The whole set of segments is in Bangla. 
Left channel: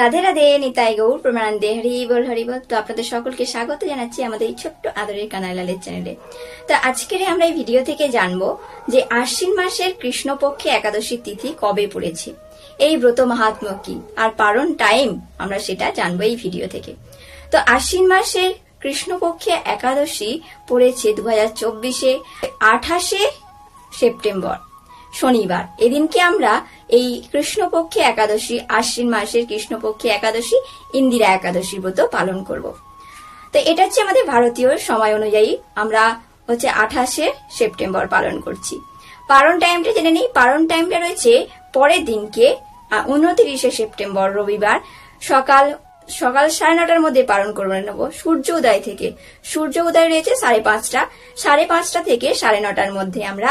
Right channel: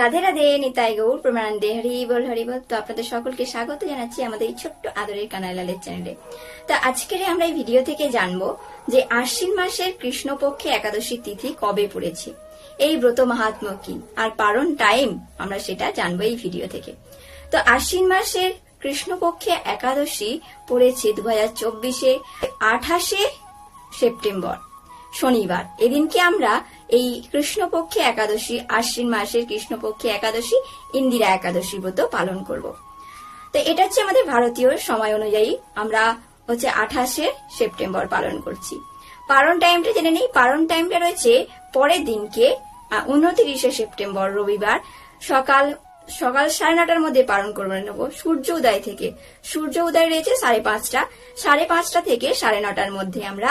রাধে রাধে, নিতাই গৌর প্রমানন্দে, হরি বল। তো আপনাদের সকলকে স্বাগত জানাচ্ছি আমাদের এই ছোট্ট আদরের কানাইলালের চ্যানেলে। তো আজকের আমরা এই ভিডিও থেকে জানবো যে আশ্বিন মাসের কৃষ্ণপক্ষে একাদশী তিথি কবে পড়েছে, এই ব্রত মাহাত্ম্য কি, আর পারণ টাইম আমরা সেটা জানবো এই ভিডিও থেকে। তো আশ্বিন মাসের কৃষ্ণপক্ষে একাদশী পড়েছে 2024 28 সেপ্টেম্বর শনিবার। এদিনকে আমরা এই কৃষ্ণপক্ষে একাদশী, আশ্বিন মাসের কৃষ্ণপক্ষে একাদশী ইন্দিরা একাদশী ব্রত পালন করব। তো এটা হচ্ছে আমাদের ভারতীয় সময় অনুযায়ী আমরা 28 সেপ্টেম্বর পালন করছি। পারণ টাইমটা জেনে নেই। পারণ টাইমটা রয়েছে পরের দিনকে 29 সেপ্টেম্বর রবিবার সকাল 9:30 মধ্যে পালন করে নেব। সূর্য উদয় থেকে, সূর্য উদয় রয়েছে 5:30, 5:30 থেকে 9:30 মধ্যে আমরা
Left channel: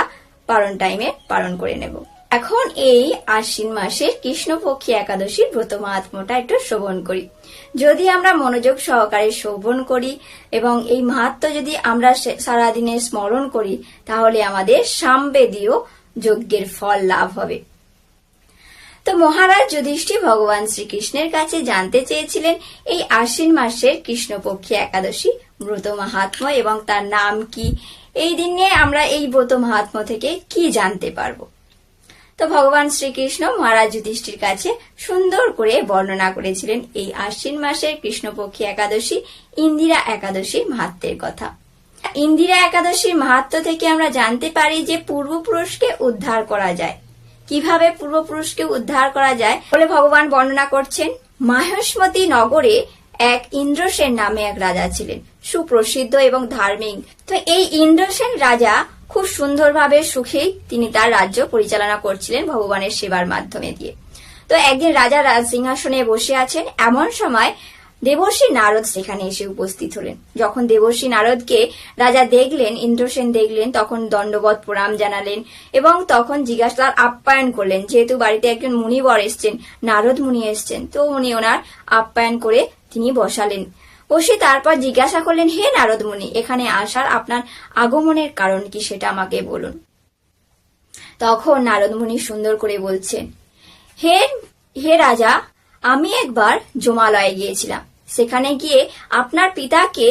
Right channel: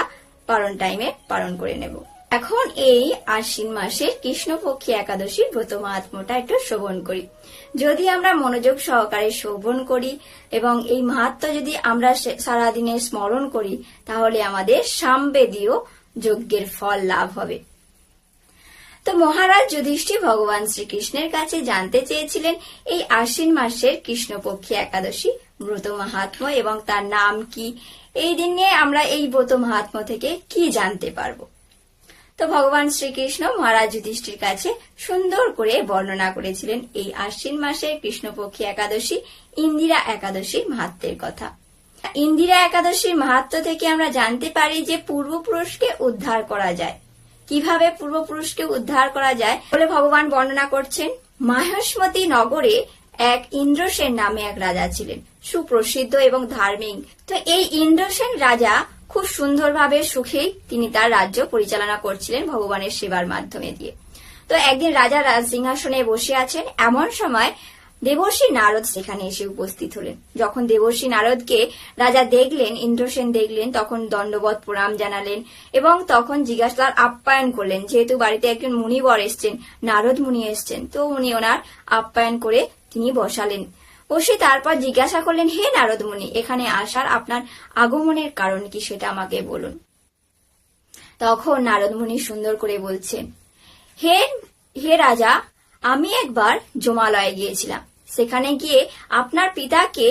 পারণ টাইমে পালন করে নেব। এখন এই আশ্বিন মাসের কৃষ্ণপক্ষী একাদশীর ব্রত মাহাত্ম্যটা একটু শ্রবণ করি। যদি আমরা মনোযোগ সহকারে শ্রবণ করি এবং এই মাহাত্ম্য যদি আমরা সারাদিনে স্মরণ করি, তাহলে আমাদের সামবেদীয় যজ্ঞের ফল লাভ হবে। তো মহারাজ যুধিষ্ঠির ভগবান শ্রীকৃষ্ণের কাছে জানতে চেয়েছিলেন এই আশ্বিন মাসের কৃষ্ণপক্ষী একাদশী ব্রত মাহাত্ম্য এবং তার নাম কি, এই দিনে আমরা এই ব্রত মাহাত্ম্য থেকে কি জানতে পারবো। তো ভগবান শ্রীকৃষ্ণ মহারাজ যুধিষ্ঠির কাছে সুন্দর করে বর্ণনা করেছিলেন এই আশ্বিন মাসের কৃষ্ণপক্ষী একাদশী ইন্দিরা একাদশীর মাহাত্ম্যের কথা। ইন্দিরা একাদশীর মাহাত্ম্য থেকে আমরা জানতে পারি যে পূর্বপুরুষকে উদ্ধার করা যায়। কিভাবে পূর্বপুরুষকে উদ্ধার করা যায় বলে ভগবান বর্ণনা করছেন। মাহেশমতি নগরে এক ইন্দ্রসেন নামে এক রাজা ছিলেন, সুপ্রসিদ্ধ এবং ধার্মিক। তো এই ইন্দ্রসেন রাজা খুব সুন্দরভাবে সুখেই তিনি তার রাজ্য পরিচালনা করছিলেন ভগবানের সেবার মাধ্যমে দিয়ে। তো একদিন রাজা সিংহাসনে বসে আছেন, এমন সময় দেবর্ষি নারদ সেখানে এসে উপস্থিত হলেন। যখন দেবর্ষি নারদকে রাজা দেখলেন, ইন্দ্রসেন দেখলেন, তখন দণ্ডবত প্রণাম জানালেন এবং তখন জিজ্ঞাসার আপ্যায়ন করলেন। যেহেতু বাড়িতে একজন মুনিবর এসছেন, নারদ মুনি এসছেন, তো উনি ওনার আপ্যায়ন করে তিনি বসালেন। বসে তারপর জিজ্ঞাসা করলেন, হে নারদ মুনি, এখানে আসার আপনার আগমনের কারণ কি সেটা আমাকে বলুন। তখন নারদ মুনি সুন্দর করে বলছেন, হে রাজা, আমি একবার যমালয়ে গিয়েছিলাম। সেখানে গিয়ে আপনার পিতাকে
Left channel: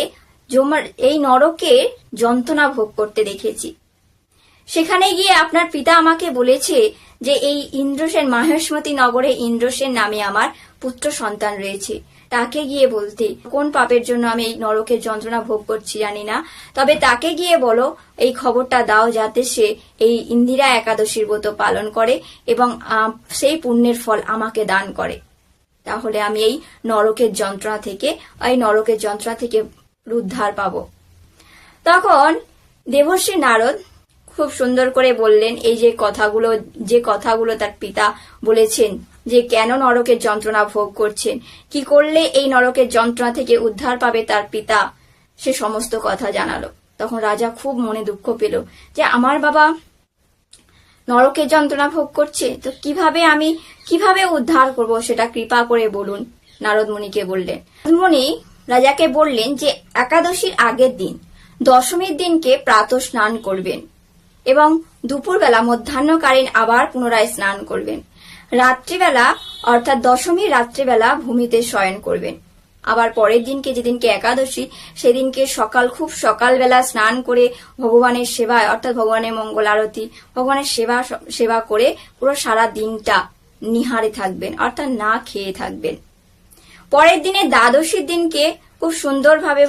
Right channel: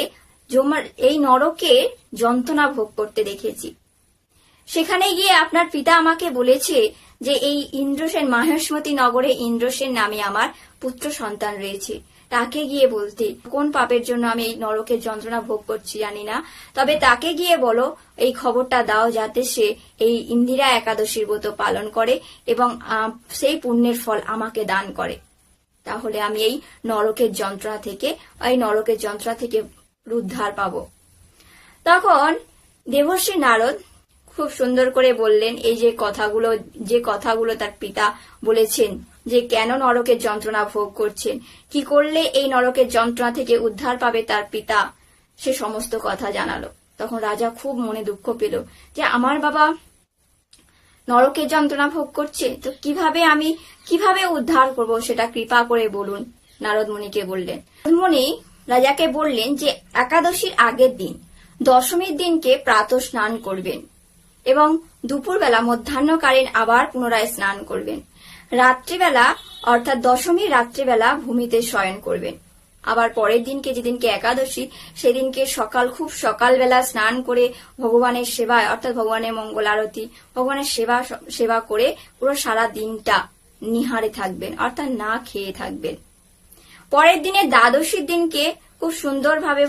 এই নরকের যন্ত্রণা ভোগ করতে দেখেছি। সেখানে গিয়ে আপনার পিতা আমাকে বলেছে যে এই ইন্দ্রসেন, মাহেশমতি নগরে ইন্দ্রসেন নামে আমার পুত্র সন্তান রয়েছে। তাকে গিয়ে বলতে, কোন পাপের জন্য আমি এই নরকের যন্ত্রণা ভোগ করছি জানি না, তবে তাকে গিয়ে বলো এই খবরটা দাও যাতে সে এই ইন্দিরা একাদশীর ব্রত পালন করে এবং সেই পুণ্যের ফল আমাকে দান করে। তাহলে আমি এই নরকের যন্ত্রণা থেকে উদ্ধার পাব। তখন দেবর্ষি নারদ খুব সুন্দর করে বললেন এই যে কথাগুলো তার পিতা বলেছেন, যে কেন নরকের যন্ত্রণা ভোগ করছেন, কি করলে এই নরকের যন্ত্রণা থেকে উদ্ধার পাবে তার পিতা, সে সমস্ত কথা জানালো। তখন রাজা খুব মনে দুঃখ পেল যে আমার বাবা নরকের যন্ত্রণা ভোগ করছে, তো কিভাবে উদ্ধার করব সেটা কৃপা করে বলুন। নারদ মুনিকে বললেন। মুনি রাজাকে বললেন যে একাদশীর আগের দিন, দশমীর দিনকে প্রাতঃ স্নান করবেন এবং দুপুরবেলা মধ্যাহ্নকালীন আবার পুনরায় স্নান করবেন। রাত্রিবেলা অর্থাৎ দশমীর রাত্রিবেলা ভূমিতে শয়ন করবেন। আবার পরের দিনকে, যেদিনকে একাদশী, সেদিনকে খুব সকালবেলা স্নান করে ভগবানের সেবায় অর্থাৎ ভগবানের মঙ্গল আরতি, ভগবানের সেবা করে পুরো সারা দিনটা নিহারে থাকবেন অর্থাৎ না খেয়ে থাকবেন। পরের দিনে দ্বাদশীর দিনকে খুব সুন্দরভাবে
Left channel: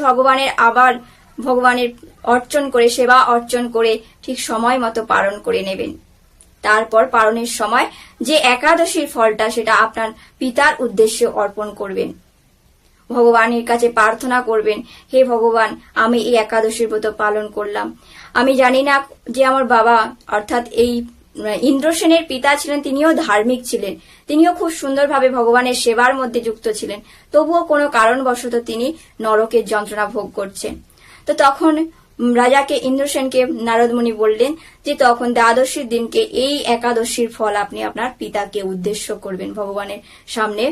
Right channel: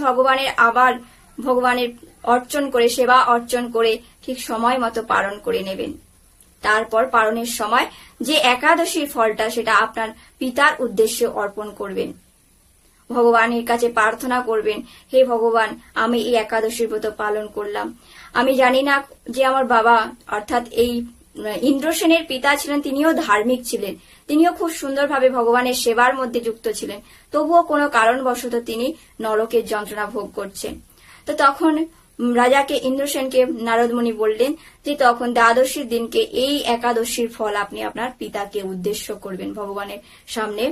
ভগবানের অর্চন করে, সেবা অর্চন করে ঠিক সময় মতো পালন করে নেবেন। তারপর পালনের সময় যে একাদশীর ফলটা সেটা আপনার পিতার উদ্দেশ্যে অর্পণ করবেন। ভগবানের কাছে প্রার্থনা করবেন, হে ভগবান, আমি এই একাদশীর ব্রত পালন করলাম। আমি জানি না যে আমার বাবা অর্থাৎ এই ইন্দ্রসেনের পিতা ছিলেন, তিনিও ধার্মিক ছিলেন, তিনিও খুব সুন্দরভাবে ভগবানের সেবার মধ্যে যুক্ত ছিলেন, তবুও কোনো কারণবশত তিনি নরকের যন্ত্রণা ভোগ করছেন। তো তখন রাজাকে, ইন্দ্রসেনকে নারদ মুনি বললেন যে তখন দ্বাদশীর দিনকে এই একাদশীর ফল আপনি আপনার পিতাকে উদ্দেশ্য করবেন, ভগবানের সামনে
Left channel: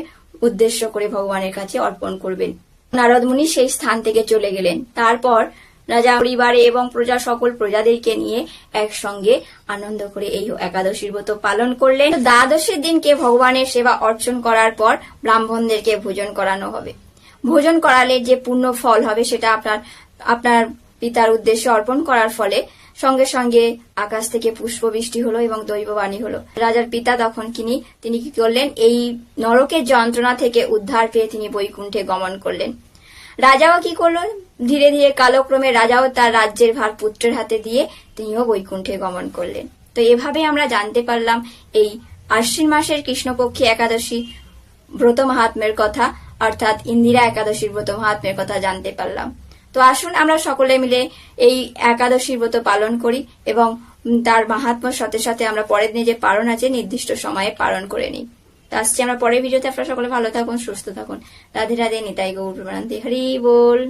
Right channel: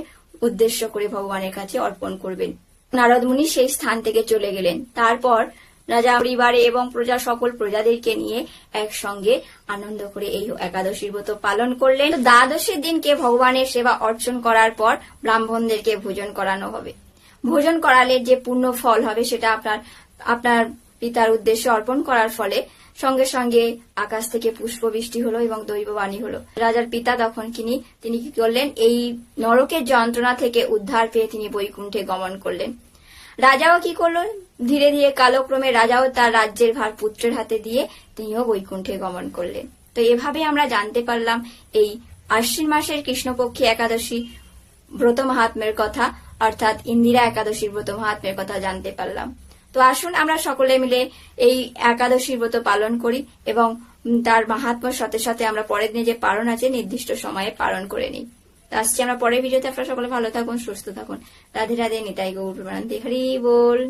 উদ্দেশ্য করে ভগবানের কাছে অর্পণ করবেন। নারদ মুনি সেই স্থান থেকে চলে গেলেন। তারপর রাজা পরিবার এবং প্রজা সকল প্রজাদেরকে নিয়ে একসঙ্গে আনন্দ করে এই একাদশীর ব্রত পালন করলেন। দ্বাদশীর দিনকে ভগবানের সেবা অর্চন করার পর ব্রাহ্মণদেরকে ভোজন করানো হবে। ভোজন করালে যে পূর্ণ ফল হবে সেটা আপনার পিতার উদ্দেশ্যে অর্পণ করার ফলে সঙ্গে সঙ্গে আকাশ থেকে পুষ্পবৃষ্টি হলো এবং দৈববাণী হলো। রাজার পিতা তখন তিনি কি করলেন, এই নরকের যন্ত্রণা থেকে উদ্ধার পেয়ে তিনি বৈকুণ্ঠে গমন করলেন। রাজাও কি করলো, ধীরে ধীরে কালক্রমে রাজাও তার রাজ্যের ভার পুত্রের হাতে দিয়ে তিনিও বৈকুণ্ঠে গমন করলেন। তো এভাবে আমরা জানতে পারলাম এই আশ্বিন মাসের কৃষ্ণপক্ষী একাদশী ব্রত মাহাত্ম্যের কথা, অর্থাৎ ইন্দিরা একাদশীর ব্রত মাহাত্ম্যের কথা জানতে পারলাম। তো আসুন আমরা সকলে মিলে এই একাদশীর ব্রত পালন করি এবং তার মাহাত্ম্যর সাথে সাথে আমরা পরের দিনে যে পালন আছে নির্দিষ্ট সময়ে পালন করে নিই। তো আসছি আমরা পরের ভিডিওতে। আপনারা সকলে ভালো থাকুন, সুস্থ থাকুন। রাধে রাধে, নিতাই গৌর প্রেমানন্দ, হরি বল।